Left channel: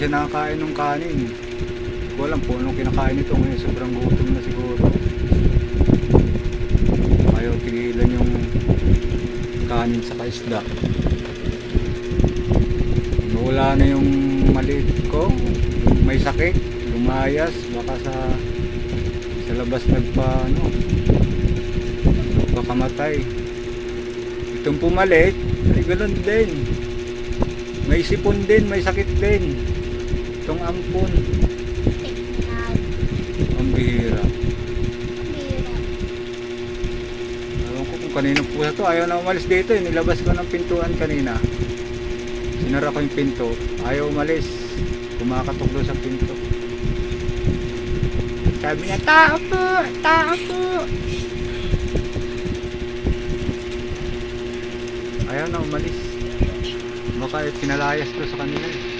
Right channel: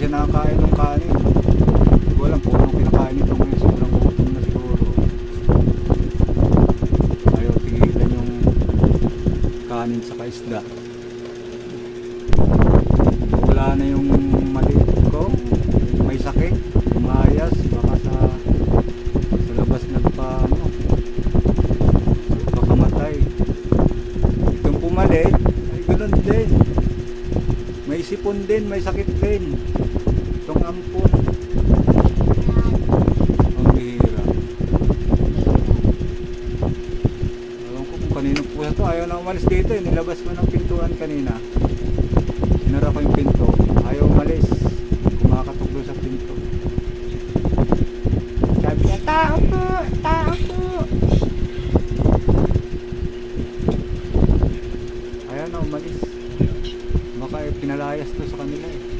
siya nakakain ng kanin. Hindi ko alam kung anong kinakain nito ngayon. Sobrang gutom na siguro. Ayaw tigilan yung kanin sa isda. Nawala na yung maliit ko. May sakit. Lumayas. Baka sa labas nagpakamatay. Itong pumalit ay ganoon din. May sipon din, may sakit din. Itong ampon. Ang bihira. Alam ko kung kanino pusa to. Ayaw na umalis dito. Nilabas ko ng pintuan kanina. Sinara ko yung pinto. Ayaw umalis. Kumakatok doon sa pinto. Sabi niya, tao po! Tao po! Ayaw na umalis. Baka pinalayas to sa kanila eh.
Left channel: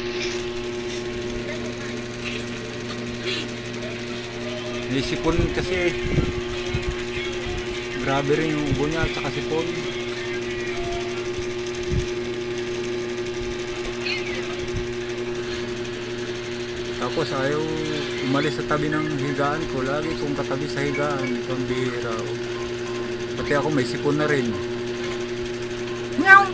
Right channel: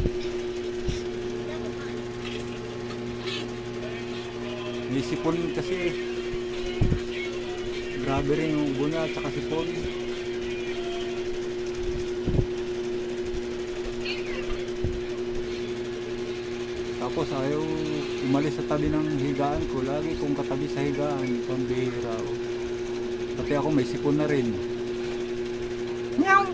May sipon kasi eh. Grabe rin yung ubo niya at saka sipon. Tapos ayaw umalis sa tabi ng higaan ko. Lagi kong katabi sa higaan. Ito ang bihira. Pati ako may sipon na rin. Meow!